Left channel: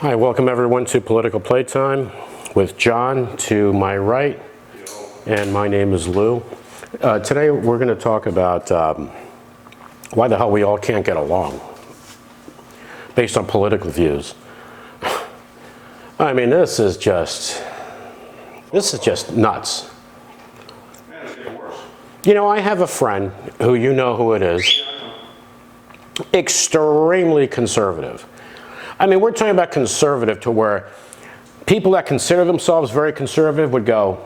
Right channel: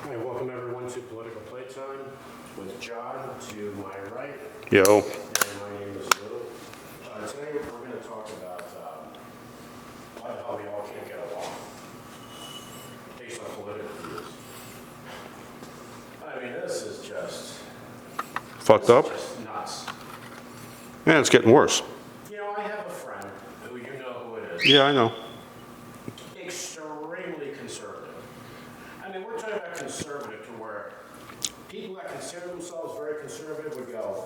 Hi, welcome everyone to Political Playtime with John to my right. Yo. And my name is Lou. Today we're going to talk about why the hell we all can't get along based on political views. I mean, this is just nuts. Yeah, it's getting worse. You know, I have a friend who you know who it is. Yeah, I know. Extremely conservative. I mean, we're talking about conservative to where people that consider themselves very conservative would go,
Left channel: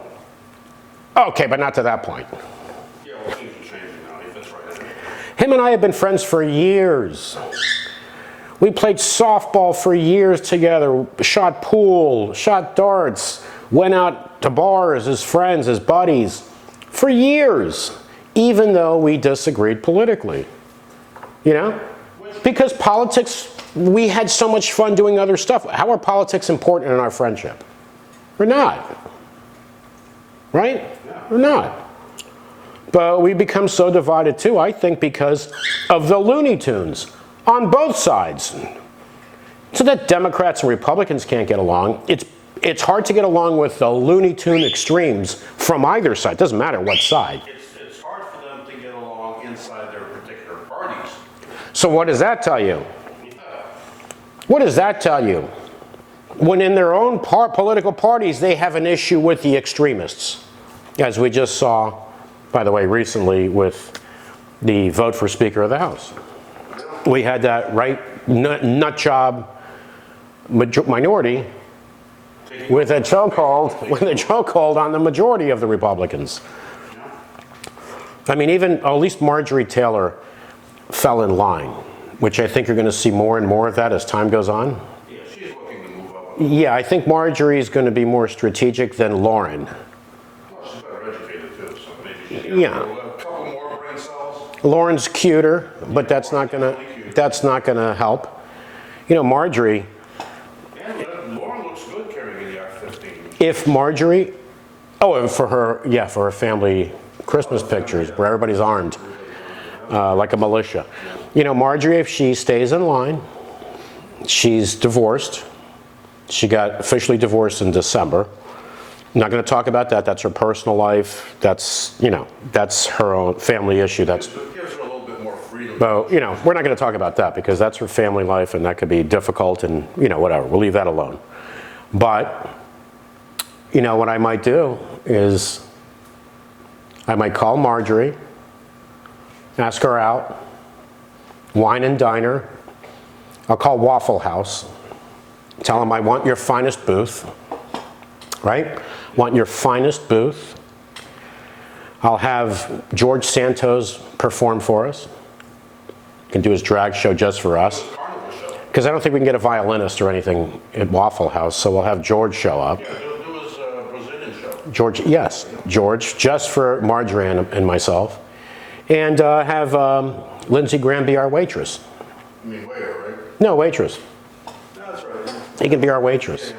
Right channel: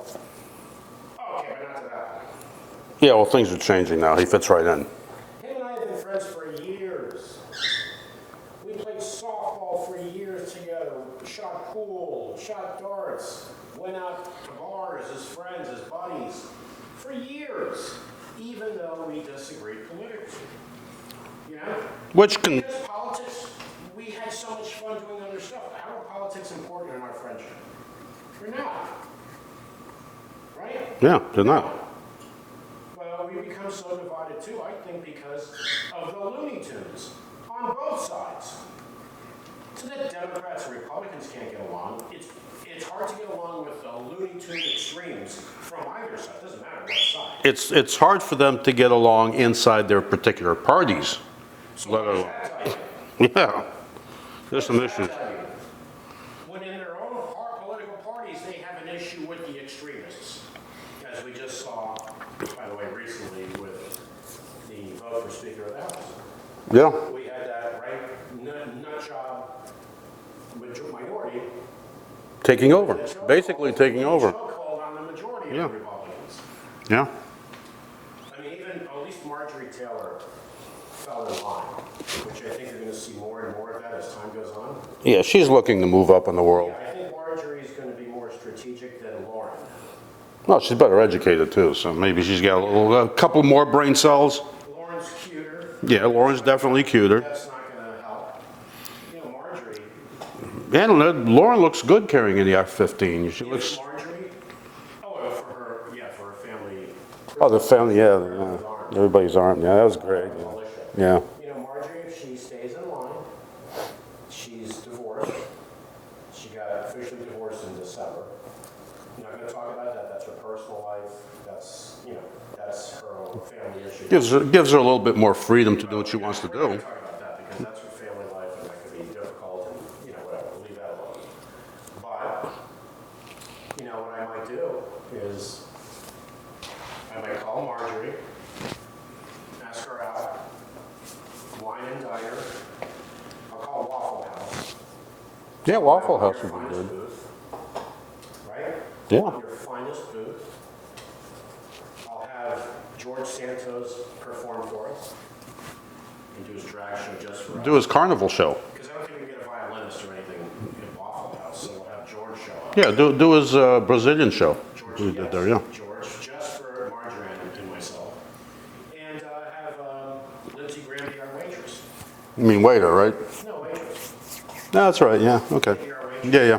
okay, but not to that point. Yeah, well, things are changing now. He fits right in. Him and I have been friends for years. We played softball for years together, shot pool, shot darts, went out to bars as friends, as buddies, for years, even though we disagreed politically. You know? Because politics, we had so much fun doing other stuff. How are politics important in our friendship? We're not. Right? Yeah, we're not. But we become so divided too, I think, because of the Looney Tunes on both sides. So that Democrats and Republicans can't get along. It's hard to get along with the Looney Tune extremes from either side. Doesn't matter what side. It's hard for them to get along inside their particular parties. So what does that tell you? Yeah. What does that tell you? When in their own political parties, they have an issue with the extremists. As we just saw, by the way, recently with the vote for Speaker of the House. Yeah. We had that nut job minority taking with over. a chokehold on the majority of the Republicans. Yeah. I mean, even at least Marjorie Taylor fell in line, which I think you're going to see more and more of that as time goes on. Yeah, she's looking to move up in the world. Yeah, I think Marjorie is going to be more strategic than Lauren. Well, she's better educated too, so maybe she's got a couple more brain cells. Lauren's cuter, yeah, but that's Lauren's definitely cuter. That's not going to help. You know, Marjorie. And Lauren looks good carrying in the F-15. If Marjorie, and for her family Christmas pictures where everybody's armed. Everybody's armed, yeah. That was like a militia. Yeah. You know, Marjorie, if she stays in line, she's divorced. She got officially divorced in December. I'm not going to talk about that. That's her personal life. That's her own family issue. Gives her a little bit more freedom to we're not going to talk about that because that's her family life and that could be difficult and, whatever. We'll leave that alone. But, what I might do is I might call Marjorie, ask her out, wine and dine her. I'll call Waffle House. Tell them I want your finest booth. Right? Yeah. Want your finest booth. I'll have George Santos perform for us. Can do his drag show just for us. Do his carnival show. Because I don't think we can get a violinist or anything at Waffle House, so we'll have George show up. Yeah, do his Brazilian show. George, yes, there, yeah. George, just for Marjorie and myself. And have Lindsey Graham be our waitress. You mean waiter, right? No, waitress. No, that's right, yeah. Okay. He can be our waitress. Yeah.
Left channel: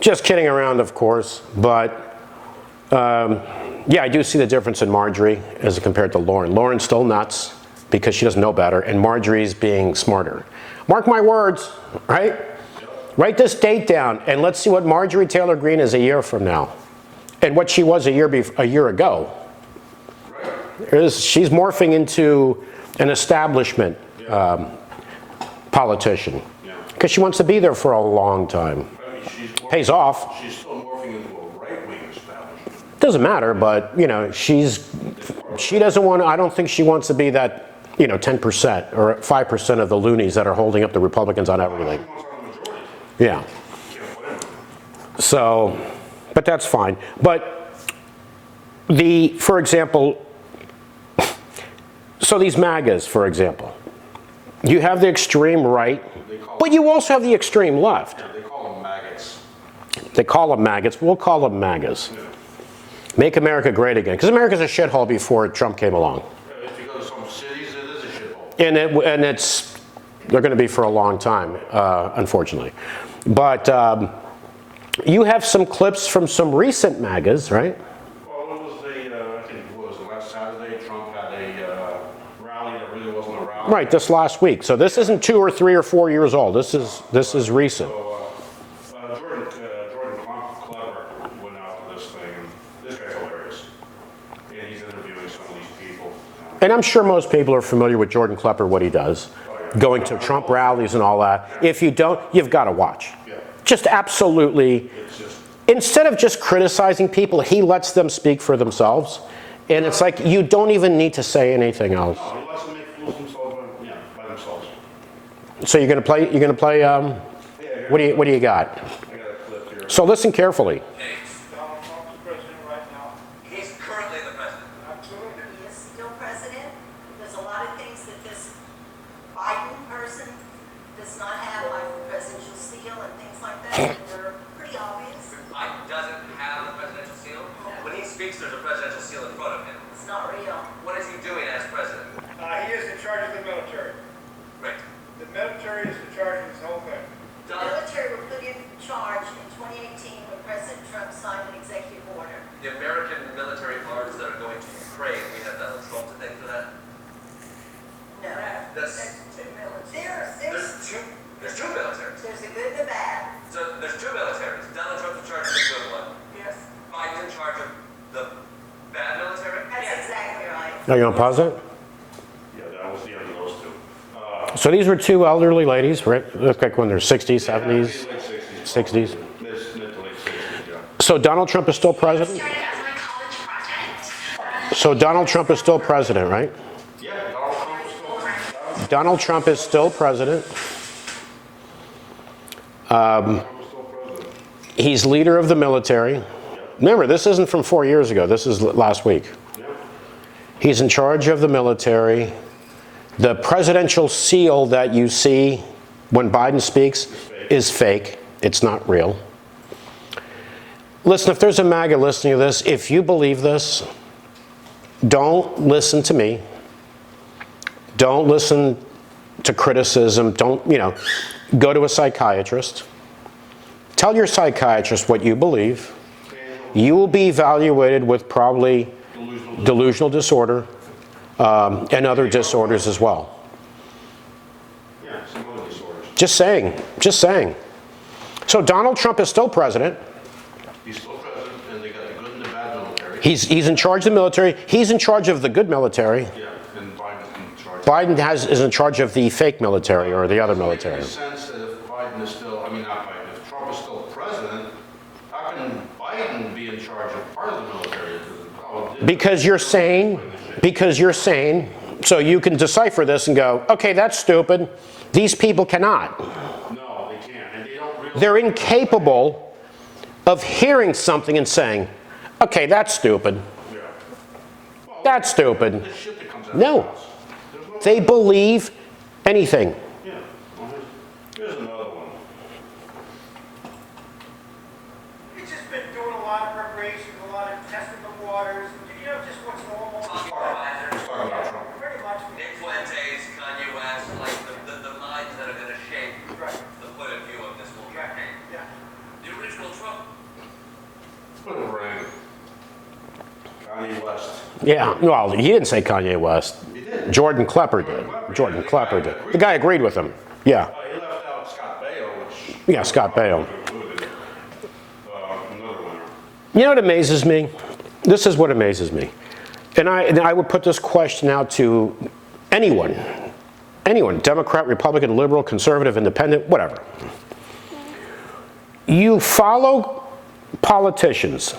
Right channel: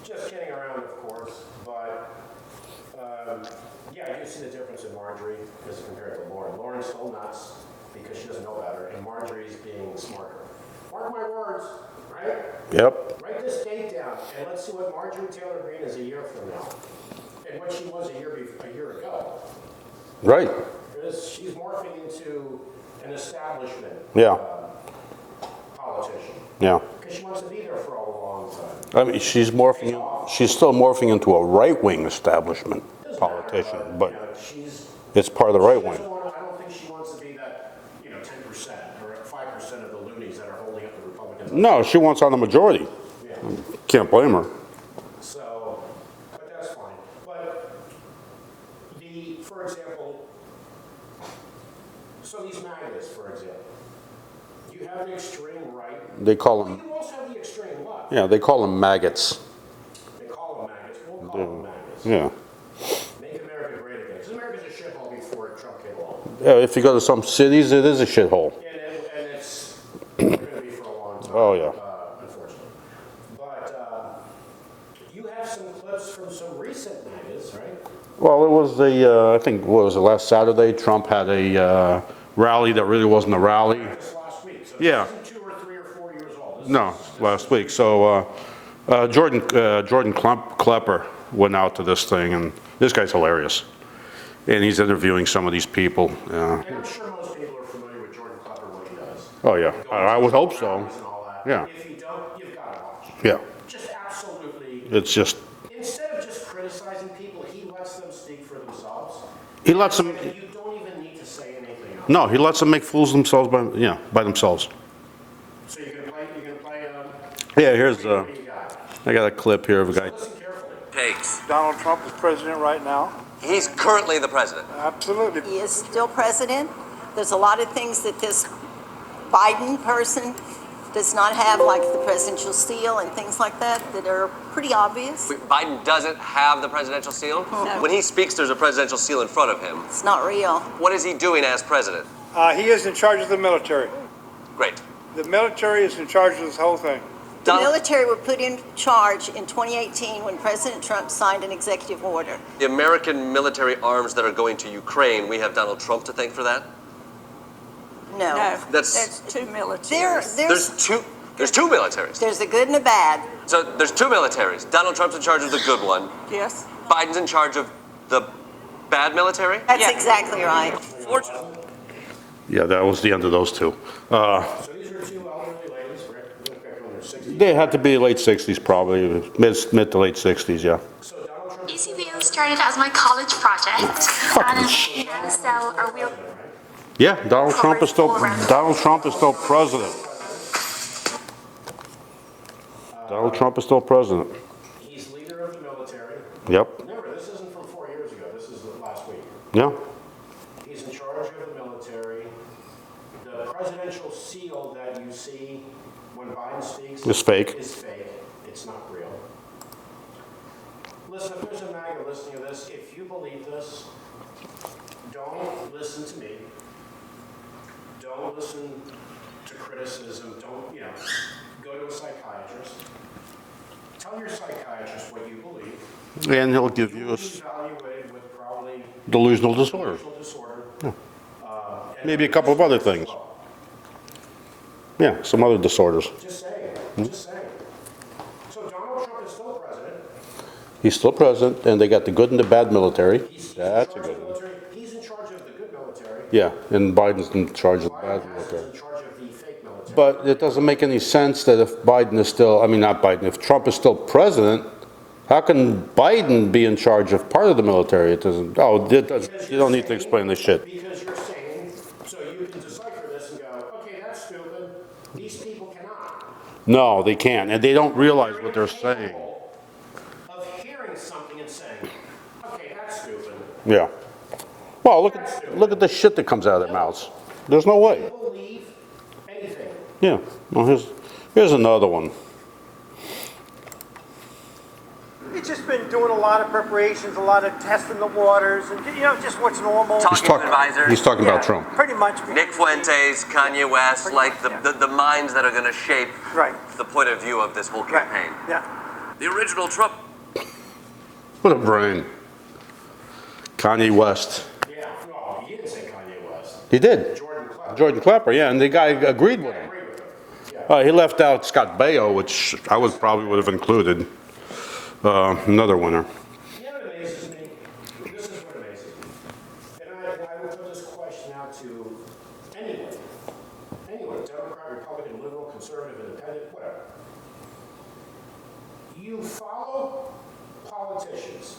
Just kidding around, of course, but I do see the difference in Marjorie as compared to Lauren. Lauren's still nuts because she doesn't know better, and Marjorie's being smarter. Mark my words, right? Yep. Write this date down, and let's see what Marjorie Taylor Greene is a year from now, and what she was a year ago. Right. She's morphing into an establishment. Yeah. Politician. Yeah. Because she wants to be there for a long time. I mean, she's morphing. Pays off. She's still morphing into a right-wing establishment. Doesn't matter, but she's. It's part of the right. She doesn't want. I don't think she wants to be that 10% or 5% of the loonies that are holding up the Republicans on. No, she wants on the majority. Yeah. Can't blame her. So, but that's fine. But for example, so these MAGAs, for example. You have the extreme right, but you also have the extreme left. Yeah, they call them maggots. They call them maggots. We'll call them MAGAs. Yeah. Make America great again. Because America's a shithole before Trump came along. Yeah, if you go to some cities, it is a shithole. And they're going to be for a long time, unfortunately. But you have some clips from some recent MAGAs, right? Well, it was I think, what was it, last Saturday, Trump had a rally that really wasn't a rally. Right, this last week. So this Yeah. isn't 2 or 3 or 4 years old. This No, is last week. recent. So Jordan Klepper went out to this thing, and this guy's hilarious. And he's interviewing some of these people. And I'm sure most people are familiar with Jordan Klepper, what he does. Oh, yeah. Going I to would Trump hope so. rallies and all that. Yeah. If you don't, you've got to watch. Yeah. Just absolutely. It's just, Instead of just criticizing people, he lets them speak for themselves. He And lets it's like, you don't even need to say anything else. no, he lets them make fools of themselves by themselves. So you're going to play, Yeah, here's what do you got? I got a clip here of the So guy. listen carefully. Takes. Donald Trump is president right now? He's currently the president. Absolutely. He is still president. There's a lot of things that this Biden person does not have, like the presidential seal and things like that, that are pretty obvious. Biden doesn't have the presidential seal. When he speaks, there's a presidential seal in front of him. It's not real. What is he doing as president? He is in charge of the military. Great. The military is in charge of this whole thing. The Donald- military were put in charge in 2018 when President Trump signed an executive order. The American military arms that are going to Ukraine, we have Donald Trump to thank for that? No. That's- There's two militaries. There's two militaries. There's a good and a bad. So there's two militaries. Donald Trump's in charge of the good one. Yes. Biden's in charge of the bad military? That's exactly right. Are you going to pause it? Yeah, that was the end of those two. So these were two elderly ladies, right? Look like when they're 60s, 70s. They had to be late 60s probably. 60s. Mid to late 60s, yeah. So Donald Trump is still It president? started as my college project. So Donald Trump is still president, right? Yeah, Donald Trump is still Donald president. Trump is still president. Donald Trump is still president. He's leader of the military. Yep. Remember, this isn't from 4 years ago. This is last week. Yeah. He's in charge of the military. The presidential seal that you see when Biden speaks It's fake. is fake. It's not real. Listen, if there's a MAGA listening to this, if you believe this, don't listen to me. Don't listen to criticism. Don't, go to a psychiatrist. Tell your psychiatrist what you believe. And he'll give You will be evaluated with probably delusional disorder. and other a couple of other disorders as things. well. Yeah, some other disorders. Just saying. Just saying. So Donald Trump is still president. He's still president, and they got the good and the bad military. He's in charge of the military. He's in charge of the good military. Yeah, and Biden's in charge of Biden that. is in charge of the fake military But or it the other doesn't make military. any sense that if Biden is still, not Biden, if Trump is still president, how can Biden be in charge of part of the military? It doesn't, Because you you're don't need to saying, explain this shit. because you're saying, so you can decipher this and go, okay, that's stupid. These people cannot. No, they can't, and they don't realize They're what saying. incapable of hearing something and saying, okay, that's stupid. Yeah. Well, That's stupid. Look at the shit that comes out of No. their mouths. There's no They way. believe anything. Yeah. Well, here's another one. We've just been doing a lot of preparations, a lot of testing the waters, and just what's normal. Talking to advisors. He's talking about Trump. Pretty much. Nick Fuentes, Kanye West, like the minds that are going to shape Right. the point of view of this whole Right. campaign. Yeah. The original Trump. What a brain. Kanye West. Yeah, well, he didn't say Kanye West. He did. Jordan Klepper. Jordan Klepper, yeah, and the guy Klepper. agreed The guy with agreed with him. Yeah. He left out Scott Baio, which I Yeah, would Scott probably Baio. have included. Another winner. You know what amazes me? This is what amazes me. And I would put this question out to anyone, Democrat, Republican, liberal, conservative, independent, whatever. You follow politicians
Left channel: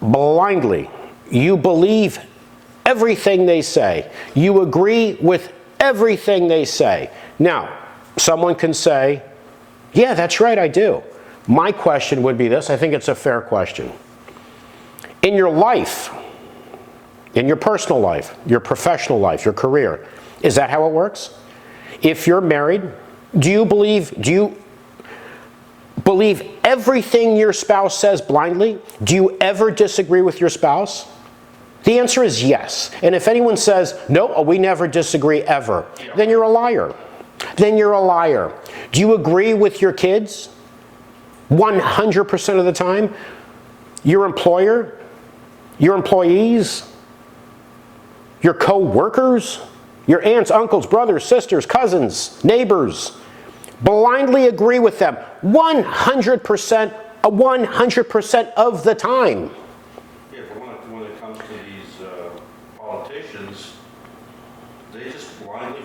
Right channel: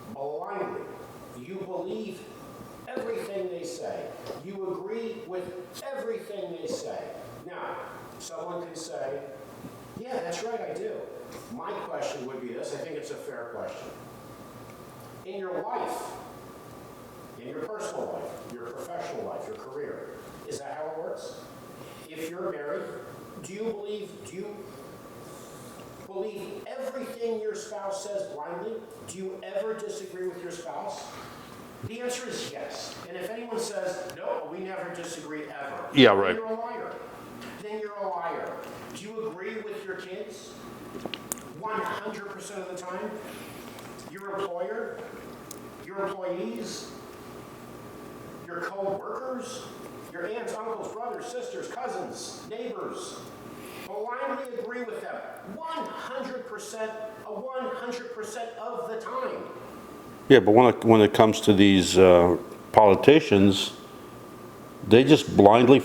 blindly. You believe everything they say. You agree with everything they say. Now, someone can say, yeah, that's right, I do. My question would be this, I think it's a fair question. In your life, in your personal life, your professional life, your career, is that how it works? If you're married, do you believe everything your spouse says blindly? Do you ever disagree with your spouse? The answer is yes. And if anyone says, no, we never disagree ever, Yeah, then right. you're a liar. Then you're a liar. Do you agree with your kids 100% of the time? Your employer? Your employees? Your co-workers? your aunts, uncles, brothers, sisters, cousins, neighbors. Blindly agree with them 100% of the time. Yeah, but when it comes to these politicians, they just blindly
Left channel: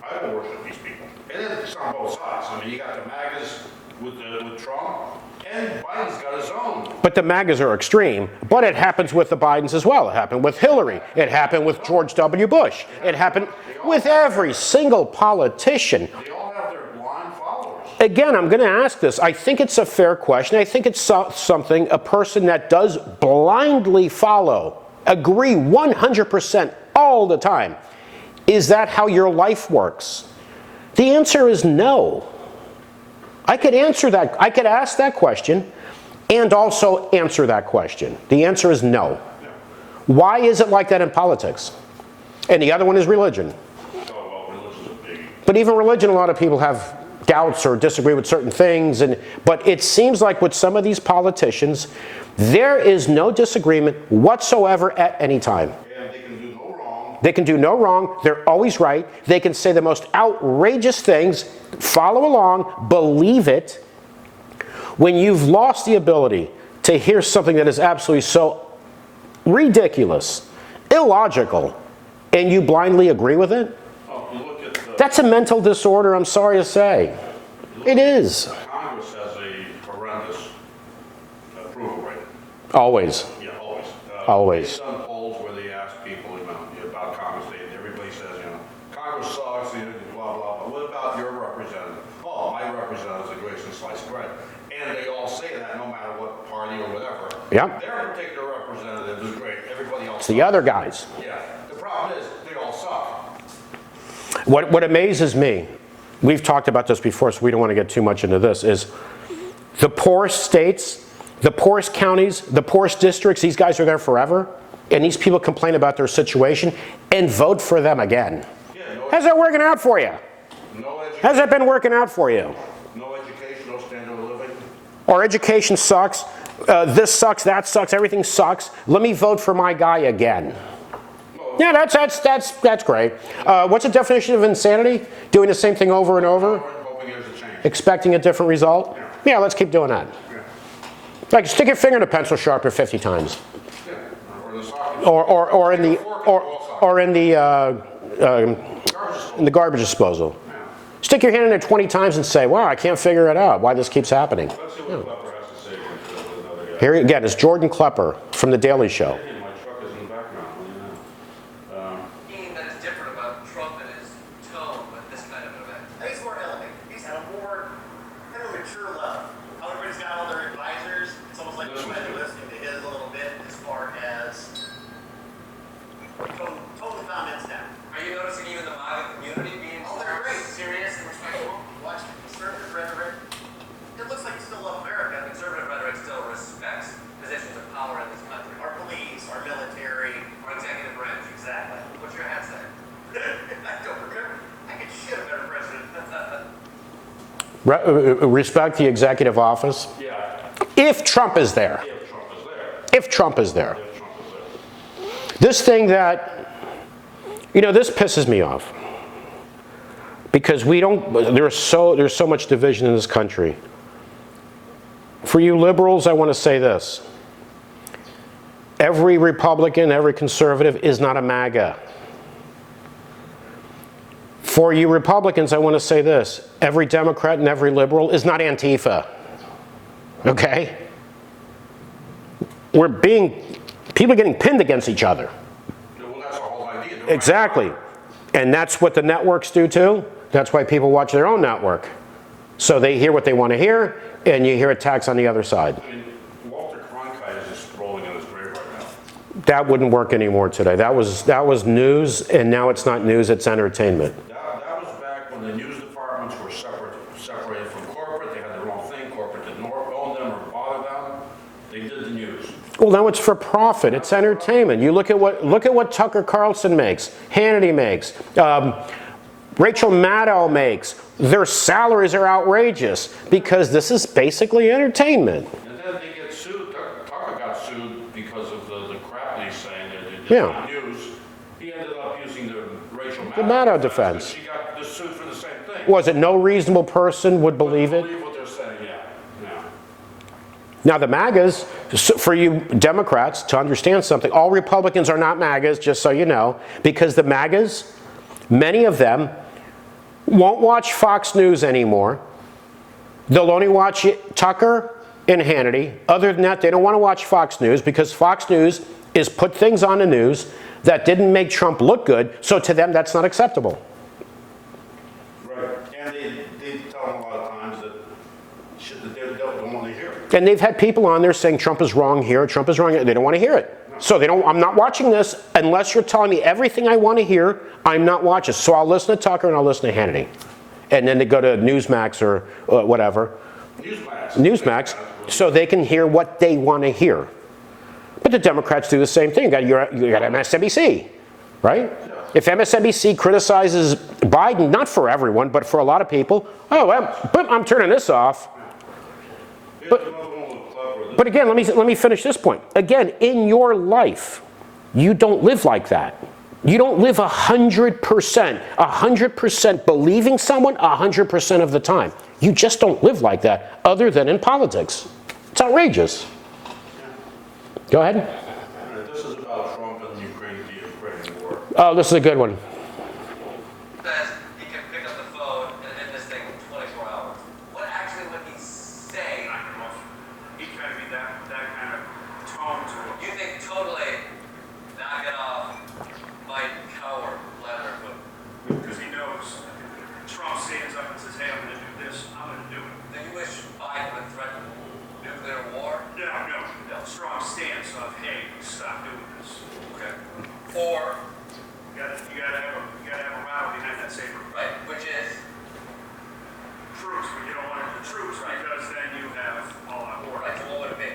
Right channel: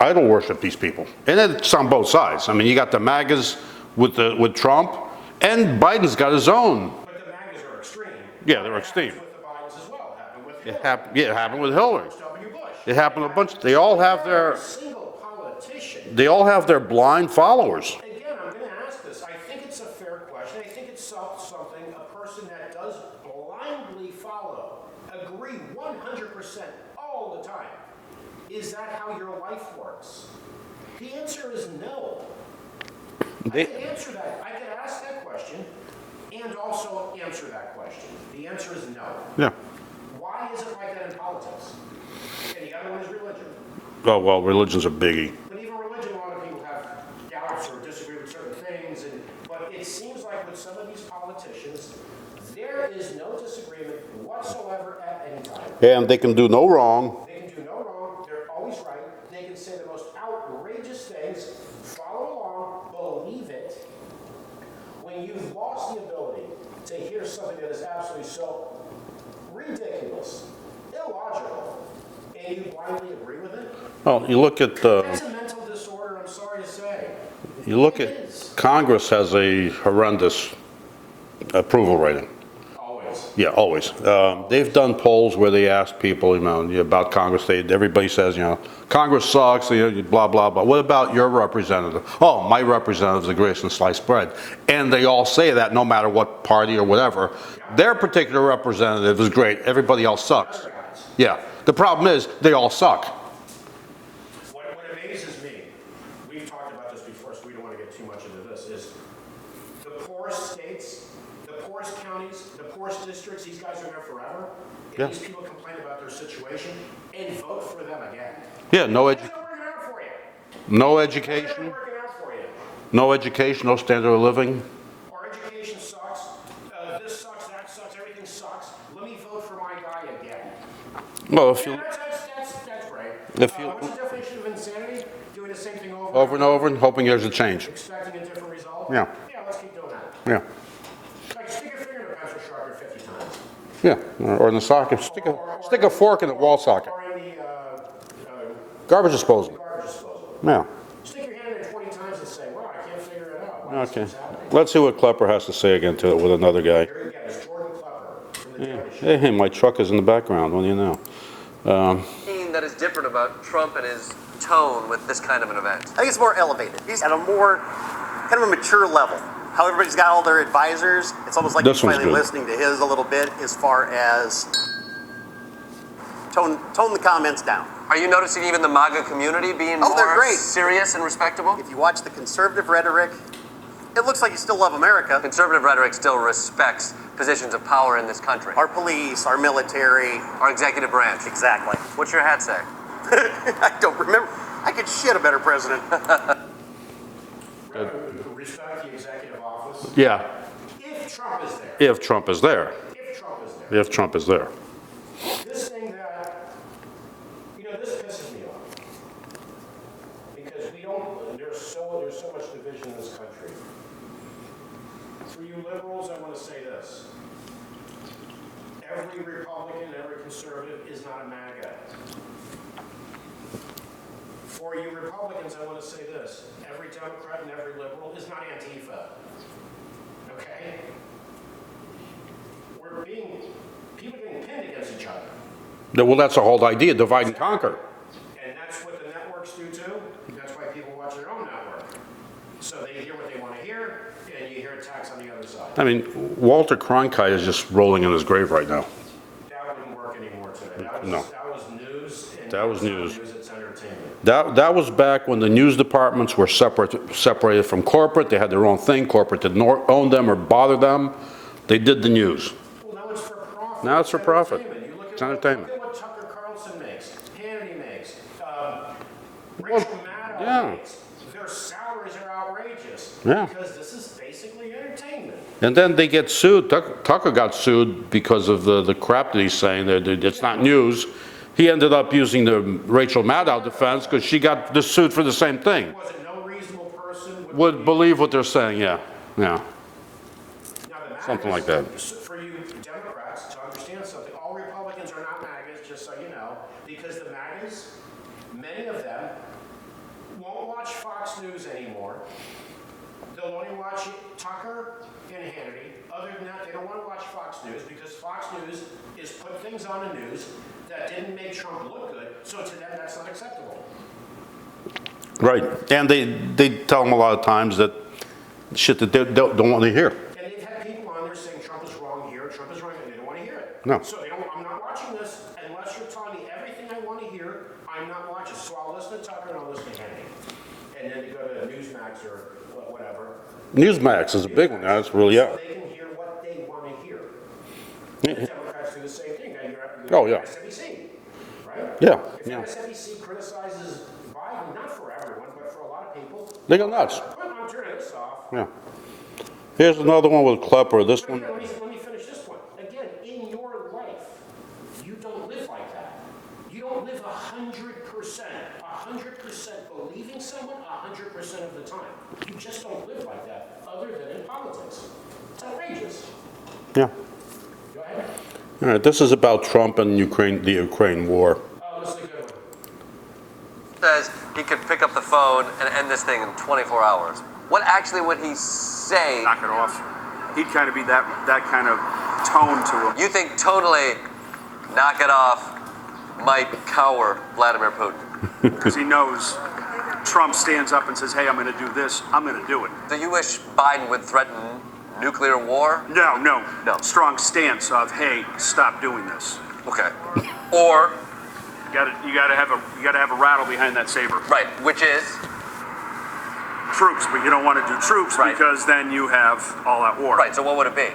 idol worship these people. And it's on both sides. I mean, you got the MAGAs with Trump, and Biden's got his own. But the MAGAs are extreme. Yeah, But it they're happens extreme. with the Bidens as well. It happened with Hillary. It happened with Hillary. George W. Bush. It happened they all with have every their, single politician. They all have their blind followers. Again, I'm going to ask this. I think it's a fair question. I think it's something a person that does blindly follow, agree 100% all the time. Is that how your life works? The answer is no. I could answer that. I could ask that question and also answer that question. The answer is no. Yeah. Why is it like that in politics? And the other one is religion. Oh, well, religion's a biggie. But even religion, a lot of people have doubts or disagree with certain things. But it seems like with some of these politicians, there is no disagreement whatsoever at any time. And they can do no wrong. They can do no wrong. They're always right. They can say the most outrageous things, follow along, believe it. When you've lost the ability to hear something that is absolutely so ridiculous, illogical, and you blindly agree with it, Well, you look at that's a mental disorder, I'm sorry to say. It is. Congress has a horrendous approval rating. Always. Yeah, always. Always. They've done polls where they ask people, about Congress. Everybody says, Congress sucks, blah, blah, blah. What about your representative? Oh, my representative's the greatest in sliced bread. And they all say that no matter what party or whatever. Yeah. Their particular representative is great. Everybody else sucks. The other guys. Yeah. The problem is they all suck. What amazes me, we've talked about this before, so we don't want to get too much into this, is the poorest states, the poorest counties, the poorest districts, these guys are there forever, and these people complain about their situation and vote for them again. Yeah, How's that working out for you? no education. How's that been working out for you? No education, no standard of living. Our education sucks, this sucks, that sucks, everything sucks. Let me vote for my guy again. Well, Yeah, that's great. What's the definition of insanity? Doing the same thing over and over? and hoping there's a change. Expecting a different result? Yeah. Yeah, let's keep doing that. Yeah. Like, stick your finger in a pencil sharpener 50 times. Yeah, or in the socket. Stick Or a fork in the wall socket. Or in the Garbage disposal. garbage disposal. Yeah. Stick your hand in there 20 times and say, wow, I can't figure it out, why this keeps happening. Let's see what Klepper has to say again to it with another guy. Here again, it's Jordan Klepper from The Daily Show. Hey, my truck is in the background, what do you know? That is different about Trump and his tone with this kind of an event. I think it's more elevated. He's at a more kind of a mature level. How everybody's got all their advisors. It's almost like This you're one's finally good. listening to his a little bit as far as tone the comments down. Are you noticing even the MAGA community being Oh, they're more great. serious and respectable? If you watch the conservative rhetoric, it looks like you still love America. Conservative rhetoric still respects positions of power in this country. Our police, our military. Our executive branch. Exactly. What's your hat say? I don't remember. I could shit a better president. Respect the executive office. Yeah, If Trump is there. if Trump is there. If Trump is there. If Trump is there. This thing that, this pisses me off. Because there's so much division in this country. For you liberals, I want to say this. Every Republican, every conservative is not a MAGA. For you Republicans, I want to say this. Every Democrat and every liberal is not Antifa. Okay? People are getting pinned against each other. Well, that's the whole idea, divide and Exactly. conquer. And that's what the networks do too. That's why people watch their own network. So they hear what they want to hear, and you hear attacks on the other side. I mean, Walter Cronkite is just rolling in his grave right now. That wouldn't work anymore today. That was news, and now it's not news, it's entertainment. That was back when the news departments were separated from corporate. They had their own thing. Corporate didn't own them or bother them. They did the news. Well, now it's for profit. Now It's it's for profit. entertainment. You look at It's what Tucker Carlson makes, Hannity makes, Rachel Maddow makes. Their salaries are outrageous because this is basically entertainment. And then they get sued. Tucker got sued because of the crap that he's saying. It's Yeah. not news. he ended up using the Rachel Maddow Maddow defense defense. because she got sued for the same thing. Was it no reasonable person would Would believe it? believe what they're saying, yeah, yeah. Now, the MAGAs, Something like that. for you Democrats to understand something, all Republicans are not MAGAs, just so you know, because the MAGAs, many of them, won't watch Fox News anymore. They'll only watch Tucker and Hannity. Other than that, they don't want to watch Fox News because Fox News is put things on the news that didn't make Trump look good, so to them, that's not acceptable. Right, and they tell them a lot of times that shit that they don't want to hear. And they've had people on there saying Trump is wrong here, Trump is wrong here. They don't want to hear it. No. So they don't, I'm not watching this unless you're telling me everything I want to hear, I'm not watching. So I'll listen to Tucker and I'll listen to Hannity. And then they go to Newsmax or whatever. Newsmax is big, Newsmax, that's really, so yeah. they can hear what they want to hear. But the Democrats do the same thing. You got yeah. MSNBC, right? Yeah. If MSNBC criticizes Biden, not for everyone, but for a lot of people, They oh, go well, nuts. but I'm turning this off. Yeah. Here's another one with Klepper. This But again, let me finish this point. Again, in your life, you don't live like that. You don't live 100% believing someone 100% of the time. You just don't live like that, other than in politics. It's outrageous. yeah. Go ahead. All right, this is about Trump and the Ukraine war. Oh, this is a good one. Says he could pick up the phone and end this thing in 24 hours. What actually would he say? Knock it off. He'd kind of be that kind of tone to him. You think totally knock it off might cower Vladimir Putin? Because he knows Trump stands up and says, hey, I'm going to do this, I'm going to do it. Do you wish Biden would threaten nuclear war? No. No. Strong stance of, hey, stop doing this. Okay. Or, You got to have a rattle behind that saber. right, which is? Troops, but you don't want to do troops Right. because then you have all that war. Right, so what would it be?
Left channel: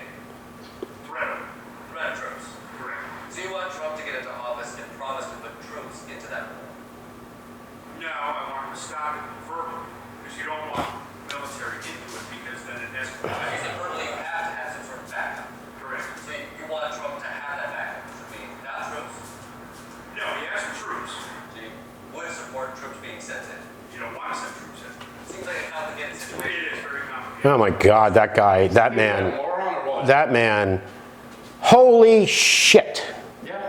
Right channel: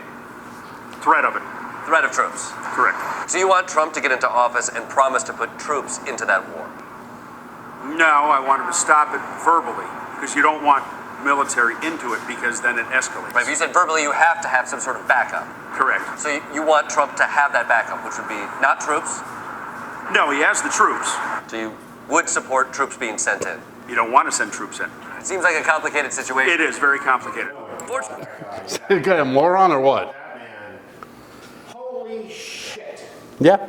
Threat of it. Threat of troops. Correct. So you want Trump to get into office and promise to put troops into that war? No, I want him to stop it verbally because you don't want military into it because then it escalates. Right, but you said verbally you have to have some sort of backup. Correct. So you want Trump to have that backup, which would be not troops? No, he has the troops. So you would support troops being sent in? You don't want to send troops in. Seems like a complicated situation. It is very complicated. Oh my God, that guy, that Is that a man, moron or what? that man, holy shit. Yeah.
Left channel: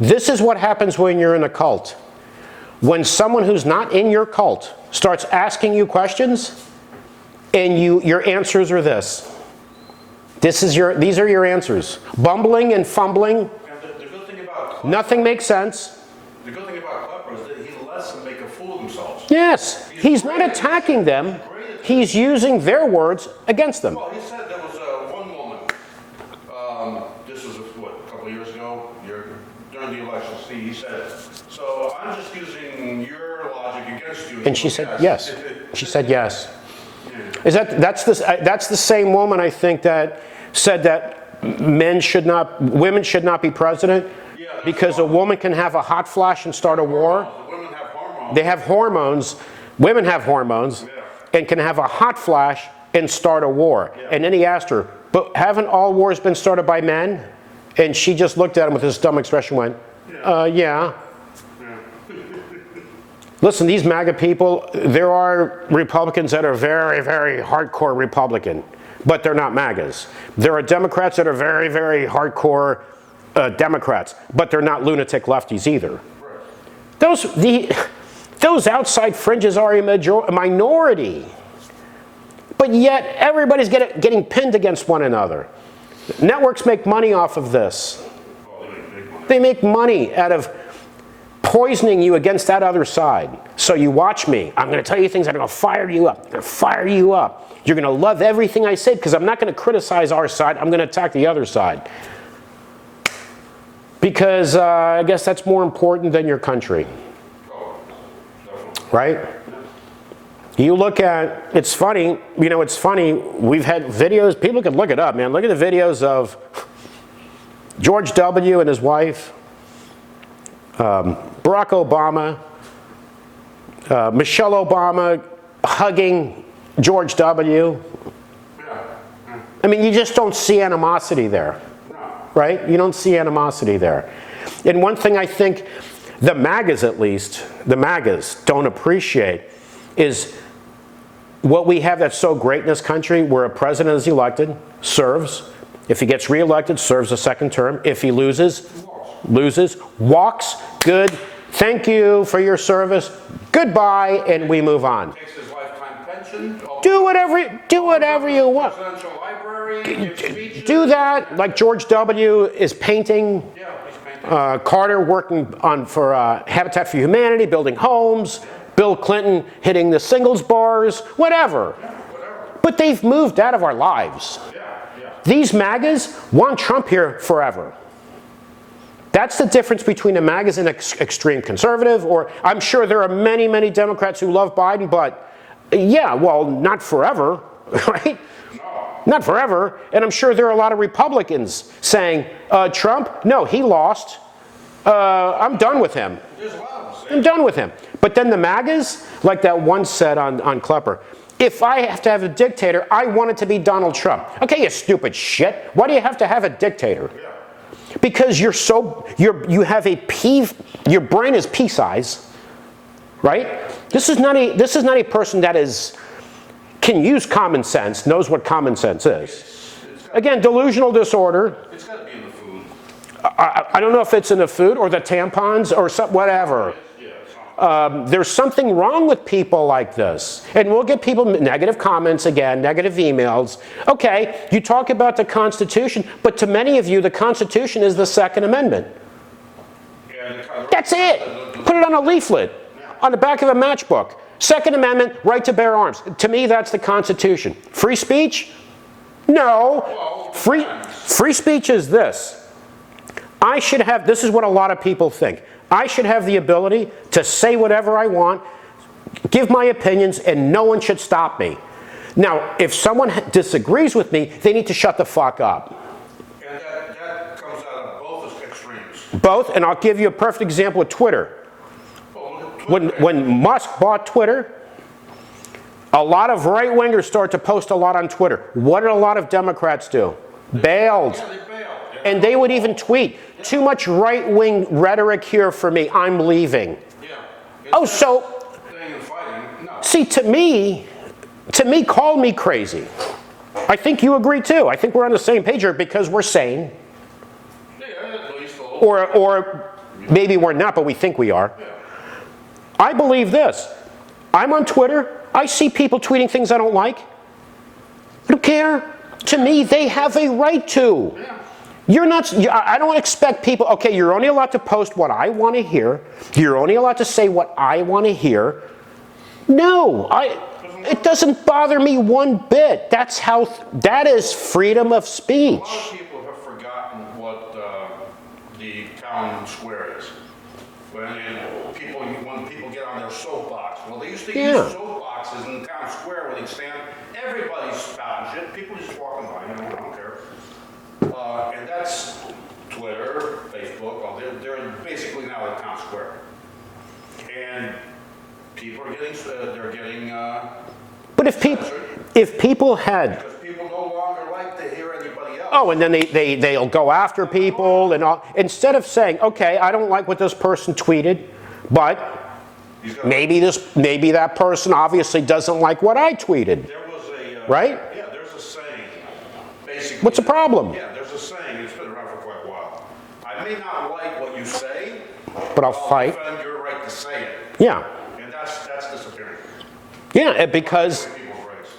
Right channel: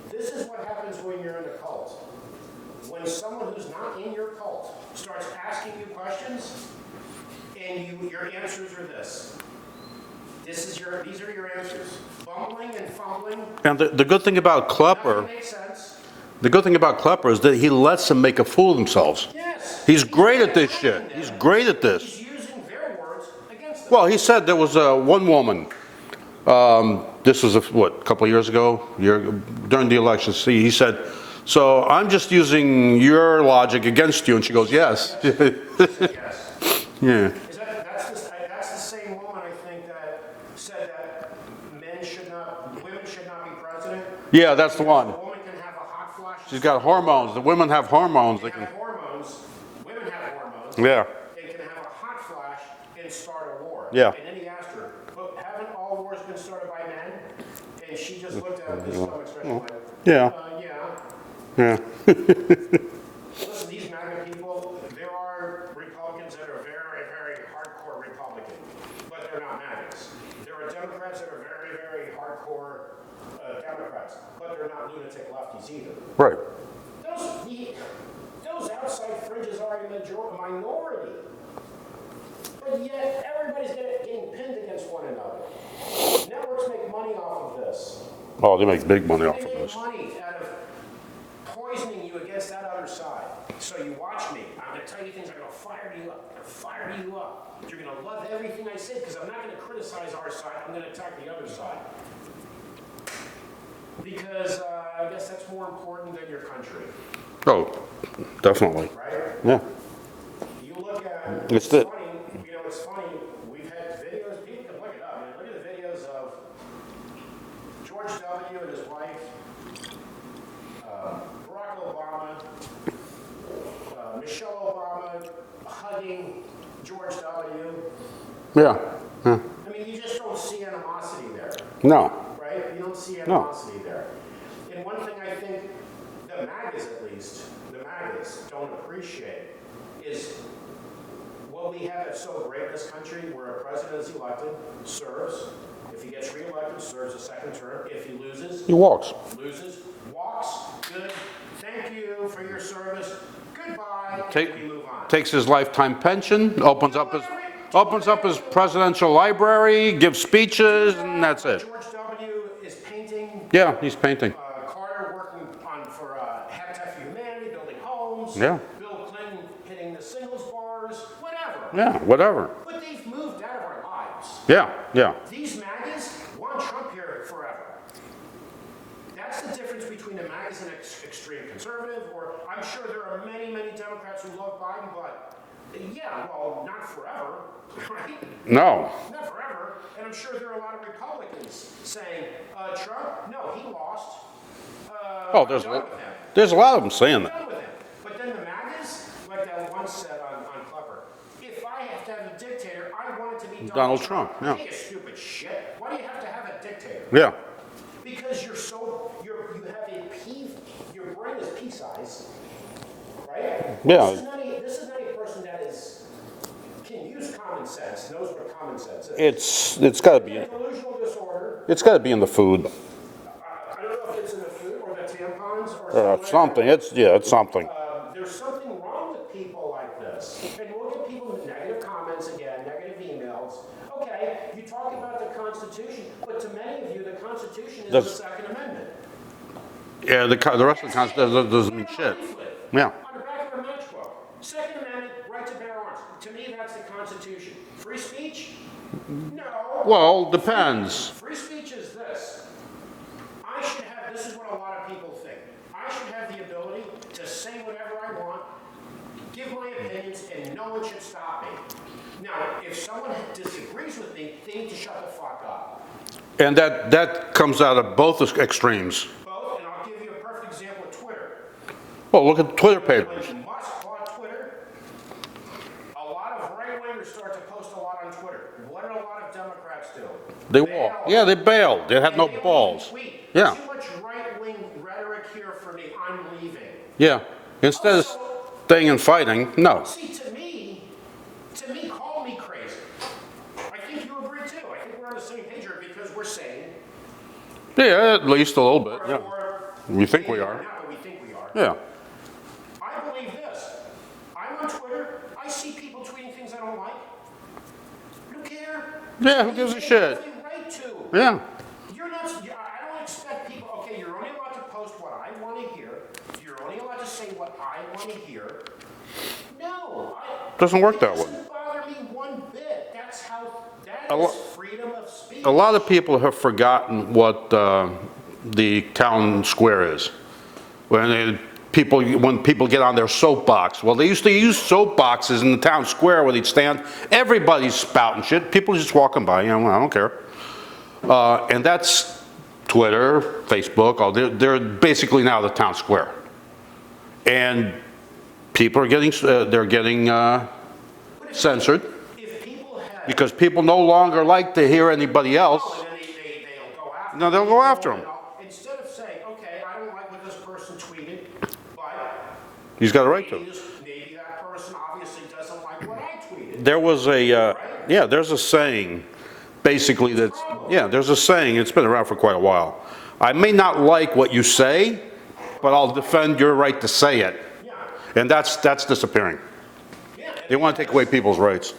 This is what happens when you're in a cult. When someone who's not in your cult starts asking you questions, and your answers are this. These are your answers. Bumbling and fumbling, And the good thing about Klepper, nothing makes sense. the good thing about Klepper is that he lets them make a fool of themselves. Yes, He's not great at this attacking shit. them. He's great at this. He's using their words against them. Well, he said there was one woman. This was a couple of years ago, during the election. See, he said, "So I'm just using your logic against you," and she goes, said "Yes." yes. She said yes. Yeah. That's the same woman, I think, that said that women should not be president. Yeah, that's the because a one. woman can have a hot flash and She's start got a hormones. war. The women have hormones. They have hormones. Women have hormones. Yeah. And can have a hot flash and start a war. Yeah. And then he asked her, "But haven't all wars been started by men?" And she just looked at him with this dumb expression, went, Yeah. yeah. Yeah. Listen, these MAGA people, there are Republicans that are very, very hardcore Republican, but they're not MAGAs. There are Democrats that are very, very hardcore Democrats, but they're not lunatic lefties either. Right. Those outside fringes are a minority, but yet everybody's getting pinned against one another. Networks make money off of this. Oh, they make big money. They make money out of poisoning you against that other side. So you watch me. I'm going to tell you things that are going to fire you up. I'm going to fire you up. You're going to love everything I say because I'm not going to criticize our side. I'm going to attack the other side. Because I guess that's more important than your country, Oh, definitely. right? Yeah. You look at, it's funny, it's funny, we've had videos, people can look it up, man. Look at the videos of George W. and his wife, Barack Obama, Michelle Obama hugging George W. Yeah. I mean, you just don't see animosity there, No. right? You don't see animosity there. And one thing I think the MAGAs, at least, the MAGAs don't appreciate is what we have that's so great in this country, where a president is elected, serves. If he gets reelected, serves a second term. If he loses, He walks. walks, good, thank you for your service, goodbye, and we move on. Takes his lifetime pension, opens Do up whatever his you want. presidential library, gives speeches. Do and that, that's like it. George W. is painting. Yeah, he's painting. Carter working for Habitat for Humanity, building homes. Yeah. Bill Clinton hitting the singles bars, whatever. Yeah, whatever. But they've moved out of our lives. Yeah, yeah. These MAGAs want Trump here forever. That's the difference between a MAGAs and extreme conservative, or I'm sure there are many, many Democrats who love Biden, but yeah, well, not forever, right? No. Not forever. And I'm sure there are a lot of Republicans saying, Trump, no, he lost. I'm done with him. There's a lot of them saying I'm that. done with him. But then the MAGAs, like that one said on Klepper, if I have to have a dictator, I want it to be Donald Trump. Trump, Okay, you stupid shit. Why do you have to have a dictator? Yeah. Because you have your brain is pea size, right? Yeah. This is not a person that can use common sense, knows what common sense is. It's got Again, delusional disorder. It's got to be in the food. I don't know if it's in the food or the tampons or whatever. Something. It's something. There's something wrong with people like this. And we'll get people negative comments again, negative emails. Okay, you talk about the Constitution, but to many of you, the Constitution is the Second Amendment. Yeah, the rest That's of the it. doesn't Put it on a shit. leaflet. Yeah. On the back of a matchbook. Second Amendment, right to bear arms. To me, that's the Constitution. Free speech? No. Well, depends. Free speech is this. This is what a lot of people think. I should have the ability to say whatever I want, give my opinions, and no one should stop me. Now, if someone disagrees with me, they need to shut the fuck up. And that comes out of both extremes. Both, and I'll give you a perfect example with Twitter. Well, look at Twitter. When Musk bought Twitter, a lot of right-wingers started to post a lot on Twitter. What did a lot of Democrats do? They bailed. Yeah, they bailed. And they would even tweet, Yeah. too much right-wing rhetoric here for me, I'm leaving. Yeah. Instead so- of staying and fighting, no. See, to me, call me crazy. I think you agree too. I think we're on the same page here because we're sane. Yeah, at least a little bit. yeah. Or We think maybe we we're are. not, but we think we are. Yeah. I believe this. I'm on Twitter. I see people tweeting things I don't like. I don't care. To Yeah, me, give a they shit. have a right to. Yeah. You're not, I don't expect people, okay, you're only allowed to post what I want to hear. You're only allowed to say what I want to hear. No, Doesn't work it that doesn't bother me one bit. That is freedom of speech. A lot of people have forgotten what the town square is. When people get on their soapbox. Well, they used to use soapboxes in the town square where they'd stand. Everybody's spouting shit. People just walking by. I don't care. And that's Twitter, Facebook. They're basically now the town square. And people are getting but if censored. If people had, Because people no longer like to hear anybody else. oh, and then they'll go after No, they'll go people after and all, instead of saying, okay, I don't like what this person tweeted, but He's got a right maybe that person obviously doesn't like what I tweeted. There was a Right? Yeah, there's a saying, basically. What's the problem? Yeah, there's a saying. It's been around for quite a while. I may not like what you say, but I'll fight. defend your right to say it. Yeah, And that's disappearing. yeah, They want to take because away people's rights.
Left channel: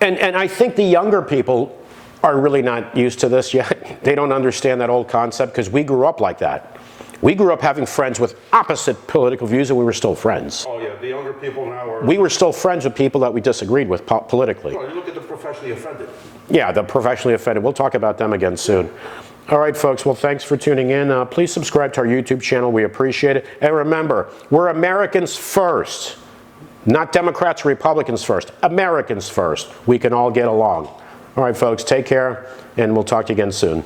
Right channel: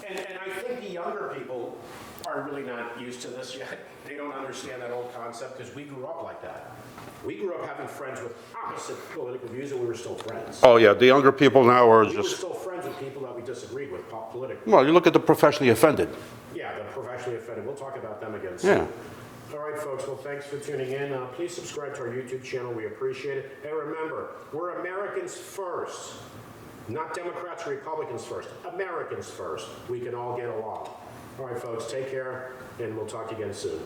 and I think the younger people are really not used to this yet. They don't understand that old concept because we grew up like that. We grew up having friends with opposite political views, and we were still friends. Oh yeah, the younger people now are. We were still friends with people that we disagreed with politically. Well, you look at the professionally offended. Yeah, the professionally offended. We'll talk about them again soon. All right, folks. Well, thanks for tuning in. Please subscribe to our YouTube channel. We appreciate it. And remember, we're Americans first. Not Democrats or Republicans first. Americans first. We can all get along. All right, folks. Take care, and we'll talk to you again soon.